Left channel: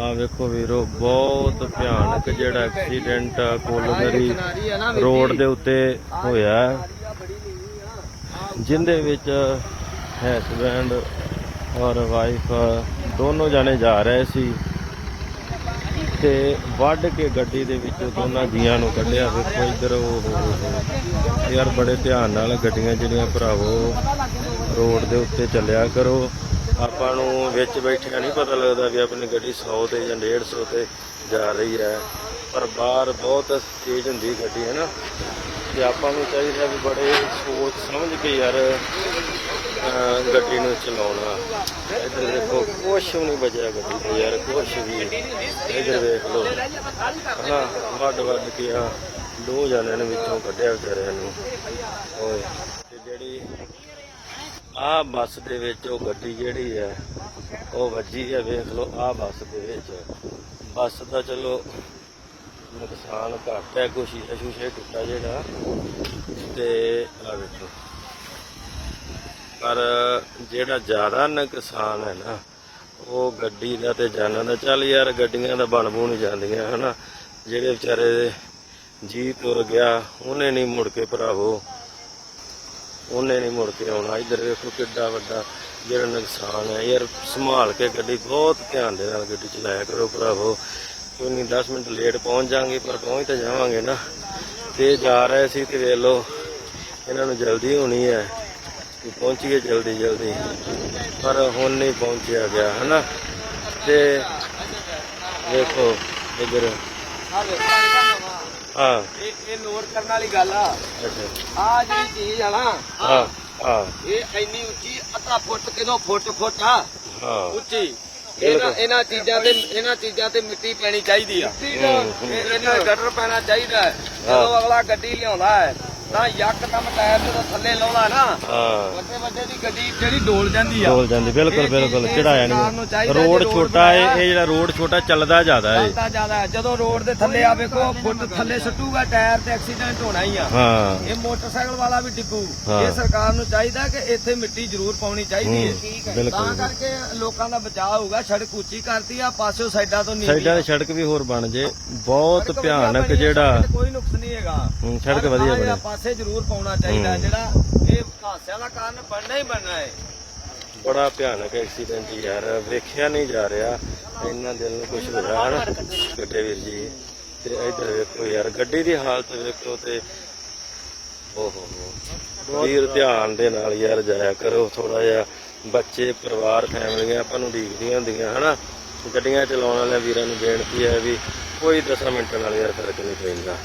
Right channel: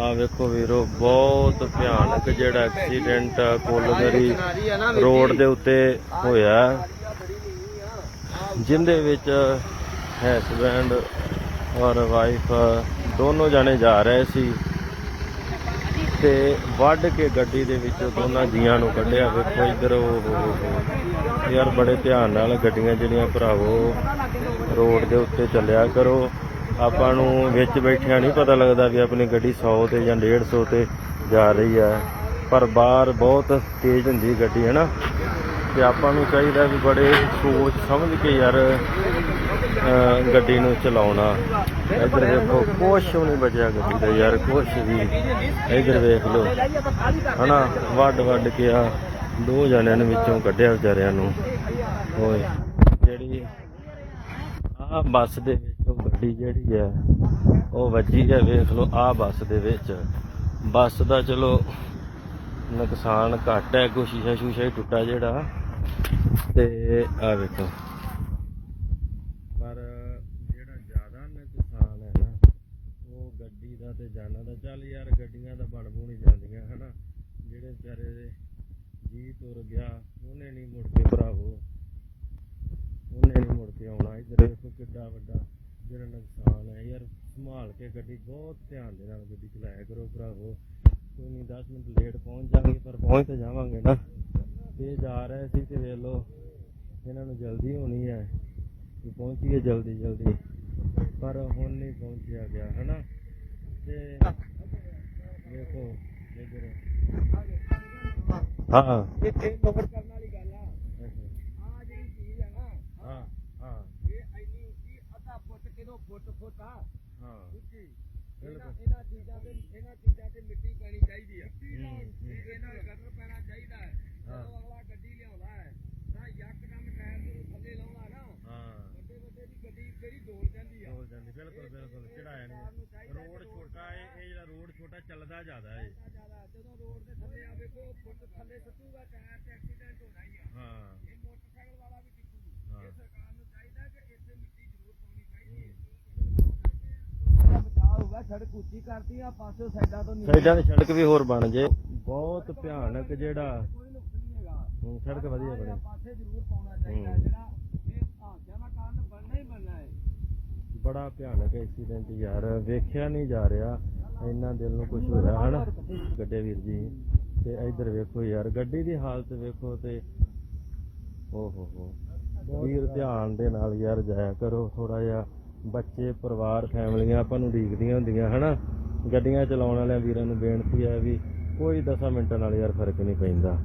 ਆ ਵੇਖੋ ਵੀਰੋ ਬਹੁਤ ਭਿਆਨਕ ਜਿਹੜਾ ਐਕਸੀਡੈਂਟ ਕੋਲਗਰੀ ਰੋਡ ਦੇ ਉੱਤੇ ਹੋਇਆ। ਹੈ, ਜਿੰਦੇ ਵਿੱਚ ਹਸਬੈਂਡ ਔਰ ਵਾਈਫ ਦੋਨੋਂ ਜਾਣੇ ਜਾ ਰਹੇ ਸੀ ਤੇ ਵੱਢ ਕੇ ਗੱਡੀ ਦੇ ਵਿੱਚੋਂ ਦੋਨਾਂ ਜੀਆਂ ਨੂੰ ਕੱਢਿਆ। ਵੇਖੋ ਇੱਧਰ ਉਹ ਹੋ। ਯਾਰ ਬੜੇ ਧਿਆਨ ਨਾਲ ਗੱਡੀਆਂ ਜਿਹੜੀਆਂ ਭਰਾਵੋ ਰੋਡ ਦੇ ਉੱਤੇ ਚੱਲਿਆ ਕਰੋ। ਆਪਾਂ ਨੂੰ ਵਿੱਚ ਬੈਠਿਆਂ ਨਹੀਂ ਪਤਾ ਲੱਗਦਾ ਵੀ ਆਪਣੀ ਗੱਡੀ 100 ਤੇ ਜਾਂ 150 ਤੇ ਜਾ ਰਹੀ ਹੈ। ਪਰ ਬਾਹਰ ਬਹੁਤ ਤੇਜ਼ ਹੁੰਦੀ ਗੱਡੀ ਹੈ ਨਾ ਤੇ ਆਪਾਂ ਨੂੰ ਚਾਹੀਦਾ ਵੀ ਬੜੇ ਸੋਚ ਸਮਝ ਕੇ ਯਾਰ ਗੱਡੀ ਨੂੰ ਚਲਾਉਣਾ। ਇੱਧਰ ਦੇਖੋ, ਕੁਛ ਵੀ ਨਹੀਂ ਬਚਿਆ ਗੱਡੀ ਦਾ ਯਾਰ, ਕੁਛ ਵੀ। ਇੱਧਰ ਵੇਖ ਲਓ, ਹਨਾ? ਵੱਡ ਵੱਡ ਕੇ ਆ, ਦੋ ਜਣਿਆਂ ਨੇ ਵਿੱਚੋਂ ਕੱਢਿਆ ਵਿਚਾਰਿਆਂ ਨੂੰ। ਓਏ, ਜਿਹੜੀ ਆ ਬੱਸ ਦੇ ਵਿੱਚ ਉਹ ਗੱਡੀ ਜਿਹੜੀ ਹੈ, ਉਹ ਵੱਜੀ ਹੈ, ਵੇਖ ਲਓ, ਆ ਬੱਸ ਦੇ ਵਿੱਚ। ਬੱਸ ਦਾ ਚਲੋ ਨੁਕਸਾਨ ਘੱਟ ਹੈ, ਕੋਈ ਸ਼ੀਸ਼ਾ ਸ਼ੂਸ਼ਾ ਹੀ ਟੁੱਟਾ ਜਿਹੜਾ। ਤੇ ਆ ਵੇਖੋ। ਪਰ ਜਿਹੜਾ ਜ਼ਿਆਦਾ ਨੁਕਸਾਨ ਹੈ ਨਾ, ਉਹ ਗੱਡੀ ਦਾ ਤੇ ਜਾਨਾਂ ਦਾ। ਚੱਲ ਯਾਰ, ਗੱਡੀਆਂ ਦਾ ਬਣ ਬੂਣ ਜਾਂਦੀਆਂ, ਹਨਾ। ਜਿਹੜੇ ਵਿਚਾਰੇ ਦੇ ਜੀ ਤੁਰ ਗਿਆ, ਉਹਨੇ ਨਹੀਂ ਮੁੜ ਕੇ ਭਰਾਵੋ। ਉਹਨੇ ਨਹੀਂ ਮੁੜ ਕੇ ਆਉਣਾ। ਇੱਧਰ ਵੇਖੋ ਕਿੱਡਾ ਵੱਡਾ ਜਿਹੜਾ ਨੁਕਸਾਨ ਹੈ। ਯਾਰ ਸੰਭਾਲ ਕੇ ਗੱਡੀ ਬਹੁਤ ਧਿਆਨ ਦੇ ਨਾਲ ਗੱਡੀ ਚਲਾਇਆ ਕਰੋ ਭਰਾਵੋ। ਕੋਈ ਨਹੀਂ 10 ਮਿੰਟ ਲੇਟ ਪਹੁੰਚ ਜਾਾਂਗੇ ਪਰ ਪਹੁੰਚ ਤਾਂ ਜਾਵਾਂਗੇ ਨਾ। ਤੇ ਜਾ ਰਹੇ ਸੀ ਤੇ ਵੇਖ ਲਓ, ਇਹਨਾਂ ਨੂੰ ਜਲਦੀ ਹੋਣੀ ਹੈ ਕਿ ਪਹੁੰਚੀਏ ਜਲਦੀ ਜਲਦੀ। ਪਰ ਹੁਣ ਨਹੀਂ ਪਹੁੰਚਿਆ ਗਿਆ, ਹਨਾ? ਤੇ ਵੇਖੋ ਇੱਧਰ। ਹਾਂ। ਇਹ ਇਹ ਲੋਡ ਕਰਨ ਵਾਲੀ ਗੱਲ ਆ। ਅੱਛਾ। ਆ ਜਿਹੜੀ ਚੀਜ਼ ਆ ਨਾ ਹਾਂ ਹਾਂ। ਇਹ ਇੰਨੀ ਉੱਚੀ ਅੱਧਾ ਫੁੱਟ ਕਿਦੋਂ ਫੁੱਟ ਫੁੱਟ ਆ? ਹਾਂ। ਉੱਚੀ। ਇਹਨਾਂ ਇਹਨਾਂ ਚੀਜ਼ਾਂ ਤੇ ਇਹਨਾਂ ਚੀਜ਼ਾਂ ਤੇ ਮਿੱਟੀ ਪੈਣੀ ਚਾਹੀਦੀ ਆ। ਇਹਨਾਂ ਗਟਰ ਪੈਣਾ ਚਾਹੀਦਾ ਜਦੋਂ ਅਗਲਾ ਗੱਡੀ ਲਿਆਉਂਦਾ ਹੈ ਤਾਂ ਯਕਦਮ ਟਾਇਰ ਜਦੋਂ ਥੱਲੇ ਲਾਉਂਦਾ ਨਾ। ਹਾਂ। ਵੱਡੇ ਵੱਡੇ ਦੀ ਗੱਡੀ ਜਿਹੜੀ ਡੋਲ ਜਾਂਦੀ ਆ। ਡੋਲ ਜਾਂਦੀ ਬਿਲਕੁਲ ਬਿਲਕੁਲ ਚੜਾਇਆ ਨਹੀਂ। ਰੋਡ ਛੋਟਾ ਹੈ ਬਣਾਇਆ- ਇਹ ਜਿਹੜਾ ਰੋਡ ਛੋਟਾ ਚੱਲਦਾ ਜ਼ਿਆਦਾ ਹੈ ਚੱਲਦਾ ਜ਼ਿਆਦਾ ਹੈ। ਜਦੋਂ ਰੋਡ ਦੇ ਥੱਲੇ ਆ ਵੇਖੋ ਫੁੱਟ ਥੱਲੇ ਸੁੱਟੂਗਾ ਟਾਇਰ ਤੇ ਐਕਸੀਡੈਂਟ ਹੋਣਾ ਹੀ ਆ। ਹਾਂ। ਇਹ ਮੋਟਰਸਾਈਕਲ ਵਾਲਾ ਵੀ ਡਿੱਗੂ। ਇਹ ਸਰਕਾਰ ਨੂੰ ਚਾਹੀਦਾ ਕਿ ਇੱਥੇ ਮਿੱਟੀ ਜ਼ਰੂਰ ਪਾਉਣੀ ਚਾਹੀਦੀ ਹੈ। ਤਾਂ ਕਰਕੇ ਲੋਕਾਂ ਦਾ ਬਚਾਅ ਹੋਊਗਾ। ਸੜਕ ਉੱਚੀ ਕਰਤੀ ਆ ਪਾਸਿਓ ਸਾਈਡਾਂ ਤੋਂ ਨੀਵੀਂ ਸਾਈਡਾਂ ਦੀ ਸੜਕ ਵੀ ਹੋਰ ਬਣ ਜੇ। ਬਹੁਤ ਭਿਆਨਕ ਜਿਹੜਾ ਕੋਈ ਨੁਕਸ ਨਹੀਂ ਹੈਗਾ। ਹੂੰ, ਸੜਕ ਵਧੀਆ ਬਣੀ। ਪਾਸੇ ਜ਼ਰੂਰ ਪਾਉਣਾ ਚਾਹੀਦਾ ਹੂੰ। ਜਿਹੜਾ ਇਹ ਹਾਦਸਿਆਂ ਦਾ ਕਾਰਨ ਬਣਨਾ ਹੀ ਬਣਨਾ ਹੈ। ਬੜਾ ਭਿਆਨਕ ਐਕਸੀਡੈਂਟ ਯਾਰ ਵੇਖਿਆ ਨਹੀਂ ਜਾ ਰਿਹਾ। ਇੰਨਾ ਦਿਲ ਨੂੰ ਕੁਝ ਹੋਇਆ ਹਨਾ? ਗੱਡੇ ਵੀਰ ਜੀ ਤੇ ਇੱਧਰ ਵੇਖੋ ਯਾਰ ਗੱਡੀ ਦੀ ਹਾਲਤ ਵੇਖੋ ਤੇ ਓਹੋ। ਹੋ ਵੀਰ ਧਿਆਨ ਦੇ ਨਾਲ ਯਾਰ ਜਾਇਆ ਕਰੋ ਥੋੜਾ ਜਿਹਾ ਬੱਚੇ ਪਰਿਵਾਰ ਫੈਮਲੀਆਂ ਆਪਾਂ ਨੂੰ ਡੀਕਦੀਆਂ ਹੁੰਦੀਆਂ ਹਨਾ? ਗੱਡੀਆਂ ਚਲਾਉਣ ਵਾਲੇ ਵੀਰਾਂ ਨੂੰ ਬੇਨਤੀ ਹੈ ਵੀ ਕੋਈ 10 ਮਿੰਟਾਂ ਨਾਲ ਯਾਰ ਫ਼ਰਕ ਨਹੀਂ ਪੈਂਦਾ।